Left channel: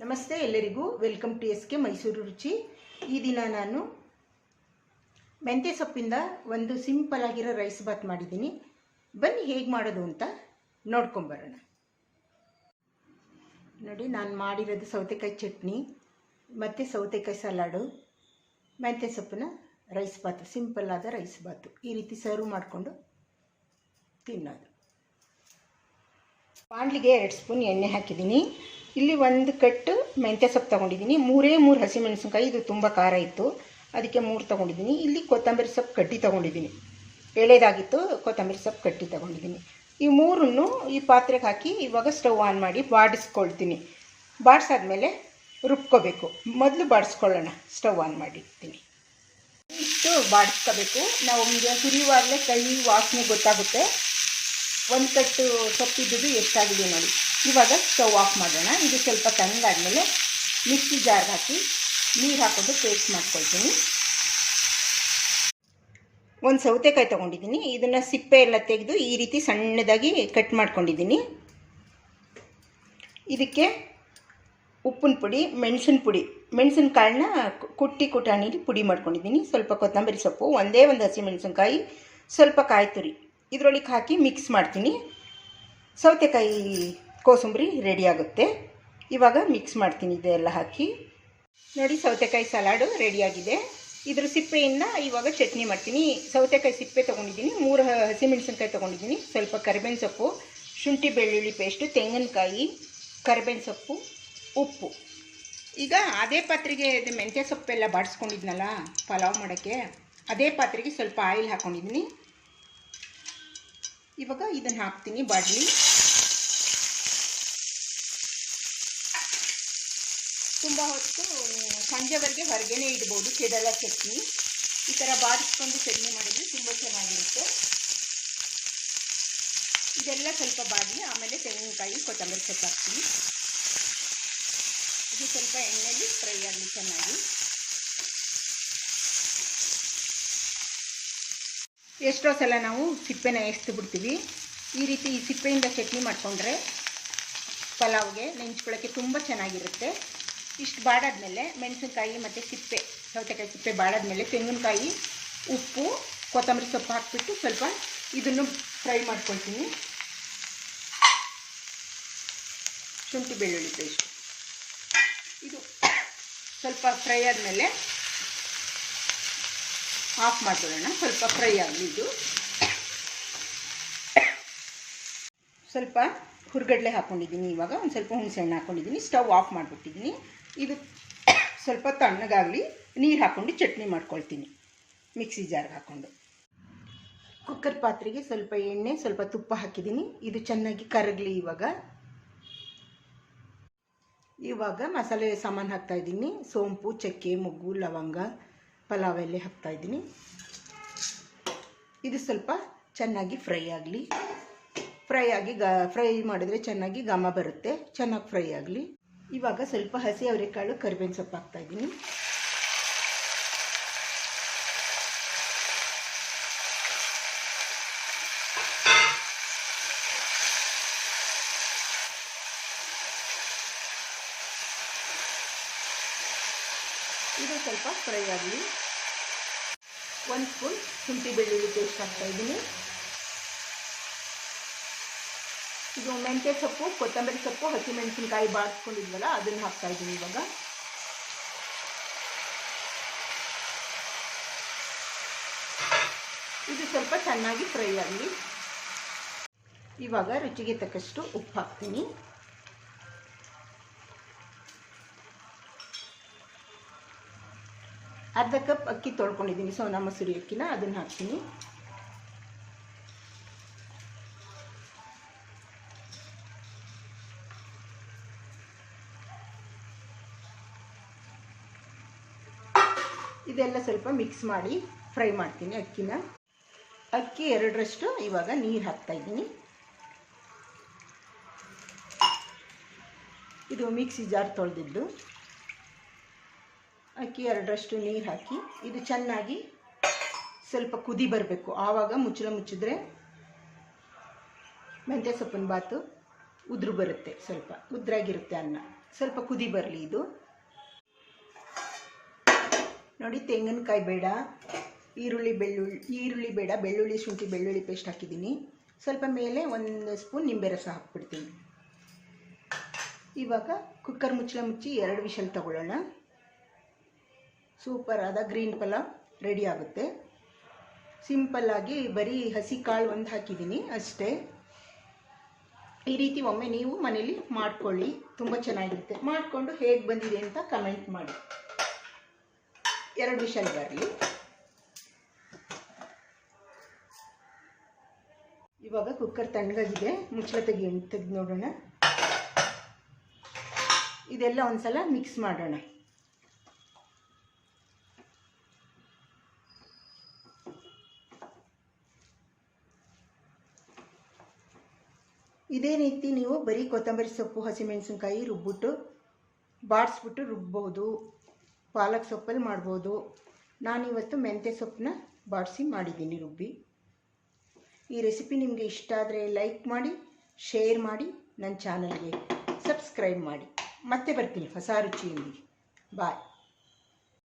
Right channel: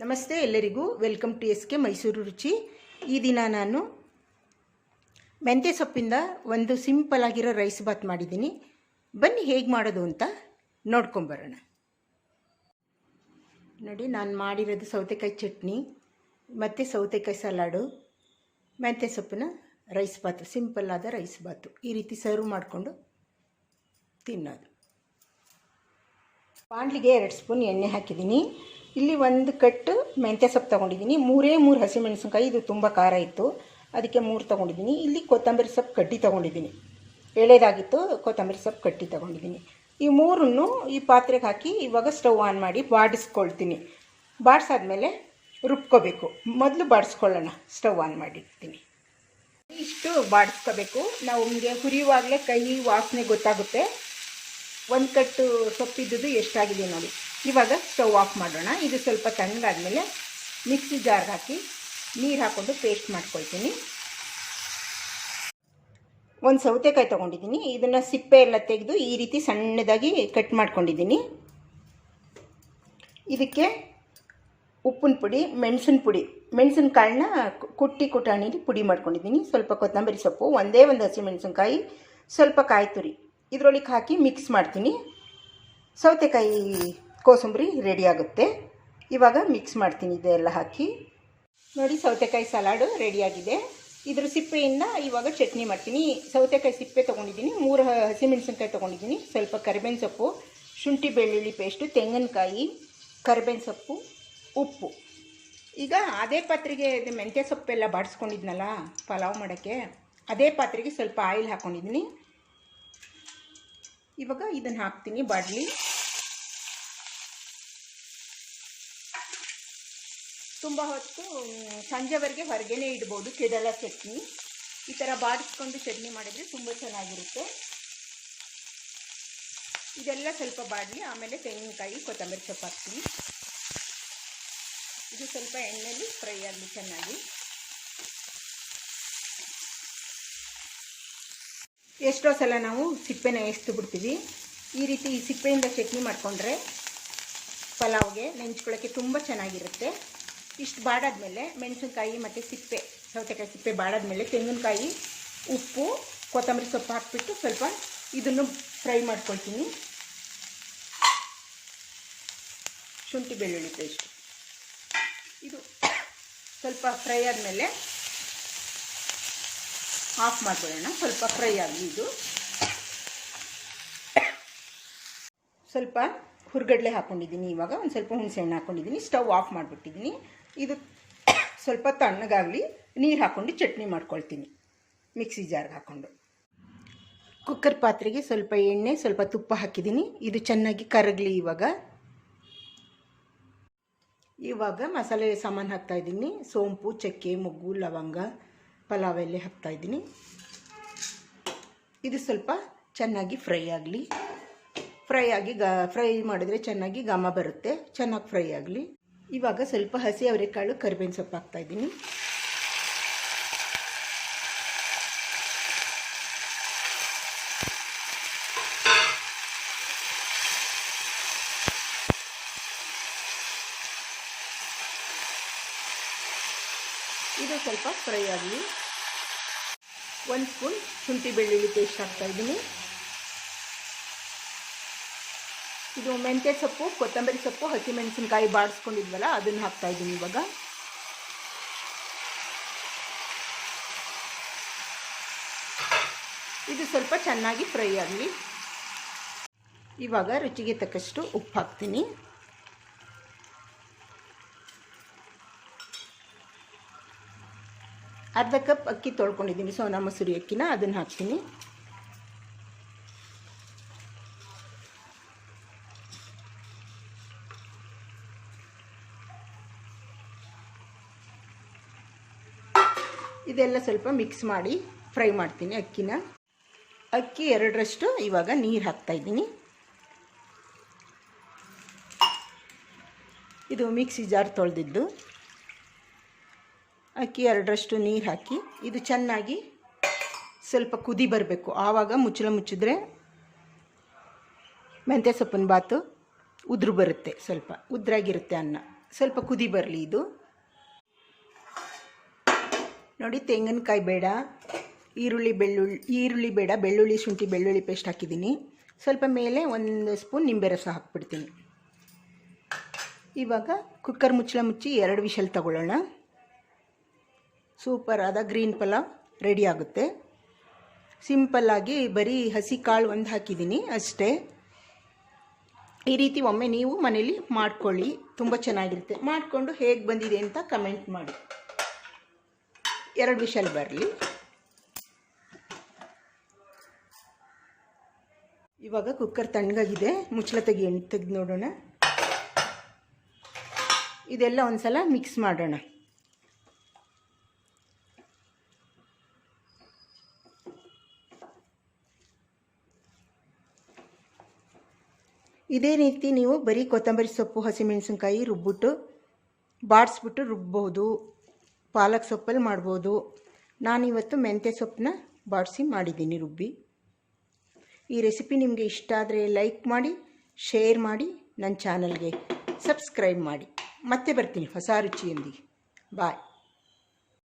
ನಮಸ್ತೆ ಎಲ್ಲರಿಗೂ, welcome to S K Mysore Ruchi. ಈ ದಿನ ನಾನು ಮೆಂತ್ಯ ಸೊಪ್ಪಿಂದ ಒಂದು ಸಿಂಪಲ್ ಆಗಿರೋ ರೈಸ್ ಬಾತ್ ಮಾಡಿದ್ದೀನಿ. ಬನ್ನಿ ಹೇಗೆ ಮಾಡೋದು ಅಂತ ನೋಡ್ಕೊಂಬರೋಣ. ನೋಡಿ, ನಾನು ಮಾಡಿರೋದು ಸೌತೆಕಾಯಿ ಚಟ್ನಿ ಮತ್ತು ಸೌತೆಕಾಯಿ ಸಲಾಡು, ಮೆಂತ್ಯ ಸೊಪ್ಪಿನ ರೈಸ್ ಬಾತು, ಸಿಂಪಲ್ ಆದ ರೈಸ್ ಬಾತು. ಈ ರೀತಿ ಸರ್ವ್ ಮಾಡಿಕೊಂಡು ತಿನ್ನೋದು. ಬಾಣಲಿಗೆ 2 ಸ್ಪೂನ್ ಎಣ್ಣೆ ಹಾಕಿದ್ದೀನಿ. ಇಲ್ಲಿ ಒಂದು ಕಟ್ಟು ಮೆಂತ್ಯ ಸೊಪ್ಪು ತೊಗೊಂಡಿದ್ದೀನಿ. 3 ಹಸಿಮೆಣಸಿನ್ಕಾಯಿ, ಇದು ತುಂಬ ಖಾರ ಇತ್ತು, ಅದಕ್ಕೆ 3 ತೊಗೊಂಡಿದ್ದೀನಿ. ಇಲ್ಲಿ ಕೊತ್ತಂಬರಿ ಸೊಪ್ಪು ಕಟ್ಟಿ ತೊಗೊಂಡಿದ್ದೀನಿ, ಎಳೆದಾಗಿತ್ತು. ಕೊತ್ತಂಬರಿ ಸೊಪ್ಪು ಕಟ್ಟಿ ತೊಗೊಂಡಿದ್ದೀನಿ. ಈ 3 ಈ ಪಾತ್ರೆಗೆ ಹಾಕಿ ಇವಾಗ ಸ್ಟವ್ ಆನ್ ಮಾಡಿ ಬಾಡಿಸ್ಕೊಳ್ತೀನಿ. ಬಾಡಿಸಾದ್ಮೇಲೆ ರುಬ್ಕೋಬೇಕು. ಮೊದಲು ಬಾಡಿಸ್ಕೊಳ್ಳೋಣ. ಸ್ಟವ್ ಆನ್ ಮಾಡಿರ್ತೀನಿ. ಇಷ್ಟು ಬಾಡಿಸ್ಕೋಬೇಕು. ನಾವು ಹುರಿಯುವಾಗಲೇ ಕೈ ವಾಸನೆ ಗೊತ್ತಾಗುತ್ತೆ. 1 ಕಟ್ಟು ಸೊಪ್ಪಿದ್ದು ಎಷ್ಟಾಗಿದೆ ನೋಡಿ. ಇವಾಗ ಸ್ಟವ್ ಆಫ್ ಮಾಡೋಣ. ಇದು ಸ್ವಲ್ಪ ತಣ್ಣಗಾದ್ಮೇಲೆ ಮಿಕ್ಸಿ ಜಾರ್ಗೆ ಹಾಕಿ ನೀರು ಹಾಕ್ಕೊಂಡು ಪೇಸ್ಟ್ ಮಾಡ್ಕೊಳ್ತೀನಿ. ಒಂದು ಸೌತೆಕಾಯಿ ತೊಗೊಂಡಿದ್ದೀನಿ. ಇದನ್ನು ಸಿಪ್ಪೆ ಎಲ್ಲ ತೆಗೆದು ಈ ರೀತಿ ಸಣ್ಣದಾಗಿ ಕಟ್ ಮಾಡ್ಕೊಂಡಿದ್ದೀನಿ. ಇದಕ್ಕೆ ಉಪ್ಪಿನ ಪುಡಿ, ಮೆಣಸಿನ ಪುಡಿ, ಮೆಣಸಿನಕಾಳನ್ನ ಕುಟಾಣಿಲಿ ಪುಡಿ ಮಾಡ್ಕೊಂಡಿದ್ದೀನಿ. ಸ್ವಲ್ಪ ಕೊತ್ತಂಬರಿ ಸೊಪ್ಪು, ಒಂದೇ ಒಂದು ಹಸಿಮೆಣಸಿನ್ಕಾಯಿ, ಸ್ವಲ್ಪ ಕಾಯಿ ತುರಿ ಇದರೊಳಗೆ ಹಾಕಿ ಮಿಕ್ಸ್ ಮಾಡ್ತೀನಿ. ಸೌತೆಕಾಯಿ ಕೋಸಂಬರಿ ರೆಡಿ ಆಗುತ್ತೆ. ಇವಾಗ ಮಿಕ್ಸ್ ಮಾಡ್ತೀನಿ ಇದೆಲ್ಲ ಹಾಕಿ. ನೋಡಿ, ಸೌತೆಕಾಯಿ ಸಲಾಡು ರೆಡಿಯಾಗಿದೆ. ಇದ್ರ ಸಿಪ್ಪೆಯಿಂದ ಇವಾಗ ಚಟ್ನಿ ಮಾಡ್ತೀನಿ. ಸೌತೆಕಾಯಿ ಸಿಪ್ಪೆ ತೊಗೊಂಡಿದ್ದೀನಿ, 3 ಹಸಿಮೆಣಸಿನ್ಕಾಯಿ ತೊಗೊಂಡಿದ್ದೀನಿ, ಸ್ವಲ್ಪ ಕರಿಬೇವಿನ ಸೊಪ್ಪು, ಶುಂಠಿ ಬೆಳ್ಳುಳ್ಳಿ ಪೇಸ್ಟು, ತೆಂಗಿನಕಾಯಿ, ಕರಿಬೇವಿನ ಸೊಪ್ಪು, ಉಪ್ಪು. ಈಗ ಅದೇ ಪಾತ್ರೆಗೆ ಮೆಂತ್ಯ ಸೊಪ್ಪೆಲ್ಲ ಬಾಡಿಸ್ಕೊಂಡಿದ್ನಲ್ಲ ಪಲಾವ್ ಮಾಡೋಕ್ಕೆ, ಅದೇ ಪಾತ್ರೆಗೆ ಸ್ವಲ್ಪ ಆಯಿಲ್ ಹಾಕ್ಕೊಂಡಿದ್ದೀನಿ. ಇವಾಗ ಇದನ್ನು ಹಾಕ್ತೀನಿ ಬಾಡಲಿ. ತುಂಬ ಹೊತ್ತು ಸಂಜೆವರೆಗೆ ಹೊರಗೇನೆ ಇಡ್ಬೋದು. ಕೆಡಲ್ಲ ಚಟ್ನಿ. ಈ ಥರ ಬಾಡಿಸ್ಕೊಂಡು ಚಟ್ನಿ ಮಾಡಿದರೆ ತುಂಬ ಚೆನ್ನಾಗಿರುತ್ತೆ. ಇದೆಲ್ಲ ಸ್ವಲ್ಪ ಬಾಡಲಿ. ಆಮೇಲೆ ತೆಂಗಿನಕಾಯಿ, ಕೊತ್ತಂಬರಿ ಸೊಪ್ಪು ಹಾಕ್ತೀನಿ. ಇದು ಸ್ವಲ್ಪ ಎಣ್ಣೆಯಲ್ಲಿ ಫ್ರೈ ಆಗಲಿ ಚೆನ್ನಾಗಿ. ಎಷ್ಟೋ ಸಲ ನಾವು ಸಿಪ್ಪೆನ ಎಸ್ದು ಬಿಡ್ತೀವಿ. ಈ ರೀತಿ ಈ ಸಿಪ್ಪೆಯಿಂದ ಚಟ್ನಿ ಮಾಡಿಕೊಂಡ್ರೆ ಪಲಾವ್ಗೆ ನೆಂಚ್ಕೊಳ್ಳೋಕ್ಕೆ ತುಂಬ ಚೆನ್ನಾಗಿರುತ್ತೆ. ಇಷ್ಟು ಬಾಡಾದ್ಮೇಲೆ ಮೆಣಸಿನ್ಕಾಯಿ ಮತ್ತು ಸಿಪ್ಪೆ, ಸೌತೆಕಾಯಿ ಸಿಪ್ಪೆ ಬಾಡಾದ್ಮೇಲೆ ತೆಂಗಿನಕಾಯಿ, ಉಪ್ಪು, ಕೊತ್ತಂಬರಿ ಸೊಪ್ಪು ಹಾಕಿಬಿಟ್ಟು ಸ್ವಲ್ಪ ಇದನ್ನು ಫ್ರೈ ಮಾಡ್ಕೊಳ್ತೀನಿ. ಶುಂಠಿ ಬೆಳ್ಳುಳ್ಳಿ ಪೇಸ್ಟ್ ಇದು ಸ್ವಲ್ಪ ಫ್ರೈ ಆದಮೇಲೆ ಆಫ್ ಮಾಡಿಬಿಡೋಣ. ಸ್ವಲ್ಪ ಫ್ರೈ ಆಗಲಿ. ಇದು ಸ್ವಲ್ಪ ಹುರ್ಗಡ್ಲೆ ಹಾಕ್ಕೊಂಡಿದ್ದೀನಿ. ಇವಾಗ ಒಂದು ಸ್ವಲ್ಪ ಹುಣಸೆಹಣ್ಣು ಹಾಕ್ಕೊಂಡಿದ್ದೀನಿ. ಸ್ಟವ್ ಆಫ್ ಮಾಡಿಬಿಟ್ಟಿದ್ದೀನಿ. ಇದು ಸ್ವಲ್ಪ ತಣ್ಣಗಾಗಲಿ. ನೀರು ಹಾಕ್ಕೊಂಡು ಚಟ್ನಿ ಮಾಡ್ಕೊಳ್ತೀನಿ ಮಿಕ್ಸಿ ಜಾರ್ಗೆ ಹಾಕ್ಕೊಂಡು. ಕುಕ್ಕರ್ ಪಾತ್ರೆಗೆ ಸ್ವಲ್ಪ ಎಣ್ಣೆ, ಸ್ವಲ್ಪ ತುಪ್ಪ ಹಾಕಿದ್ದೀನಿ. ಇದು ಚೆನ್ನಾಗಿ ಕರಗಲಿ. ಇವಾಗ ಮಸಾಲೆ ಸಾಮಾನು ಹಾಕ್ತಾಯಿದ್ದೀನಿ. ಸೋಂಪು, ಚಕ್ಕೆ, ಮೊಗ್ಗು, ಲವಂಗ, ಪಲಾವ್ ಎಲೆ ಹಾಕ್ತಾಯಿದ್ದೀನಿ. ಇದು ಸ್ವಲ್ಪ ಚೆನ್ನಾಗಿ ಫ್ರೈ ಆಗಲಿ. ಫ್ರೈ ಮಾಡಿದರೆ ಚೆನ್ನಾಗಿ ಘಮ ಬರುತ್ತೆ. ಚೆನ್ನಾಗಿ ಫ್ರೈ ಆಗಲಿ. ಇವಾಗ ಸ್ವಲ್ಪ ಹಸಿ ಅವರೆಕಾಳು, ಕರಿಬೇವಿನ ಸೊಪ್ಪು ಹಾಕ್ತಾಯಿದ್ದೀನಿ. ಇದು ಸ್ವಲ್ಪ ಫ್ರೈ ಆಗಲಿ. 1 ಸ್ಪೂನ್ ಶುಂಠಿ ಬೆಳ್ಳುಳ್ಳಿ ಪೇಸ್ಟ್ ಹಾಕ್ತಾಯಿದ್ದೀನಿ. ಇದು ಮೆಂತ್ಯ ಸೊಪ್ಪು, ಕೊತ್ತಂಬರಿ ಸೊಪ್ಪು, ಹಸಿಮೆಣಸಿನ್ಕಾಯಿ ಬಾಡಿಸ್ಕೊಂಡಿದ್ವಲ್ಲ ಅದನ್ನು ಹಾಕ್ತಾಯಿದ್ದೀನಿ. ಇವಾಗ ಇದು ಸ್ವಲ್ಪ ಚೆನ್ನಾಗಿ ಫ್ರೈ ಆಗಲಿ. ಇವಾಗ ರುಚಿಗೆ ತಕ್ಕಷ್ಟು ಉಪ್ಪು ಹಾಕ್ತೀನಿ. ಅರ್ಧ ಕಪ್ ಅಕ್ಕಿ ತೊಳ್ಕೊಂಡಿದ್ದೀನಿ, ಸೋನಾ ಮಸೂರಿ ಅಕ್ಕಿನ, ಅದನ್ನು ಹಾಕ್ತೀನಿ. ಇದೆಲ್ಲ ಸ್ವಲ್ಪ ಮಿಕ್ಸ್ ಮಾಡಿ ಫ್ರೈ ಮಾಡ್ತೀನಿ ಅಕ್ಕಿನ. ಅಕ್ಕಿ 2ರಷ್ಟು ಇವಾಗ ನೀರು ಹಾಕ್ತಾಯಿದ್ದೀನಿ. ಇದು ಮಿಕ್ಸಿ ಜಾರ್ ತೊಳೆದಿದ್ದು. ಅಕ್ಕಿ 2ರಷ್ಟು ನೀರು ಹಾಕಿ ಇದು ಚೆನ್ನಾಗಿ ಸ್ವಲ್ಪ ಕುದಿ ಬರಬೇಕು. ಆವಾಗ ಮುಚ್ಚಿದ್ರೆ ಮೆಂತ್ಯ ಸೊಪ್ಪಿನ ಬಾತು ಉದುರು ಬರುತ್ತೆ, ಸ್ವಲ್ಪ ಉದ್ರಾಗಿರುತ್ತೆ ಅನ್ನ. ಸ್ವಲ್ಪ ಕುದಿ ಬರಲಿ ಇದು. ನೋಡಿ, ತೆಂಗಿನಕಾಯಿ ಬೇಡ, ಈರುಳ್ಳಿ ಬೇಡ, ಬೆಳ್ಳುಳ್ಳಿ ಶುಂಠಿ ಬೆಳ್ಳುಳ್ಳಿ ಪೇಸ್ಟ್ ಹಾಕಿದ್ದೀನಿ. ಸ್ವಲ್ಪ ಮೇಲೆ 1 ಸ್ಪೂನ್ ನಿಂಬೆ ರಸ ಹಾಕ್ಬಿಡ್ತೀನಿ. ಇವಾಗ ಕುಕ್ಕರ್ ಮುಚ್ಚಳ ಮುಚ್ಚಿ 2 ವಿಷಲ್ ತಗೊಳ್ಳೋಣ. ಸೂಪರ್ ಆದ ಗ್ರೀನ್ ಪಲಾವ್ ರೆಡಿ ಆಗುತ್ತೆ. ಸಿಂಪಲ್ಲಾಗಿ ಬರೀ ಹಸಿ ಕಾಳು ಒಂದು ಹಾಕಿದ್ದೀನಿ ಅಷ್ಟೇ. ಈ ರೀತಿ ಒಮ್ಮೆ ನೀವು ಮನೇಲಿ ಮಾಡ್ಕೊಳ್ಳಿ, ತುಂಬ ಚೆನ್ನಾಗಿರುತ್ತೆ. ಮಾಡಿಕೊಂಡು ಹೇಗೆ ಬಂದಿದೆ ಅಂತ ಕಮೆಂಟ್ ಮಾಡಿ. 2 ವಿಷಲ್ ಬರಲಿ. ಇವಾಗ ಕುಕ್ಕರ್ ತಣ್ಣಗಾಗಿದೆ, ಮುಚ್ಚಳ ತೆಗೆದು ನೋಡೋಣ. ಇದೆಲ್ಲ ಒಂದು ಸಲ ಮಿಕ್ಸ್ ಮಾಡೋಣ. ಇದೇ ರೀತಿ ನೀವು ಬರೀ ಕೊತ್ತಂಬರಿ ಸೊಪ್ಪು ಹಸಿಮೆಣಸಿನ್ಕಾಯಿ ಬಾಡಿಸ್ಬಿಟ್ಟು ರುಬ್ಬೋದು. ಪಾಲಕ್ ಸೊಪ್ಪಲ್ಲಿ ಮಾಡ್ಬೋದು. ನಾನಿವತ್ತು ಮೆಂತ್ಯ ಸೊಪ್ಪನ್ನ ಬಾಡಿಸಿ ಮಾಡಿದ್ದೀನಿ ರುಬ್ಬಿ. ಈ ರೆಸಿಪಿ ನಿಮಗೆ ಇಷ್ಟ ಆದರೆ ಲೈಕ್ ಮಾಡಿ, ಶೇರ್ ಮಾಡಿ, ನನ್ನ ಚಾನಲ್ಗೆ ಸಬ್ಸ್ಕ್ರೈಬ್ ಮಾಡಿ. ಮತ್ತೆ ಬರ್ತೀನಿ ಹೊಸ ರುಚಿಯೊಂದಿಗೆ. ಬಾಯ್.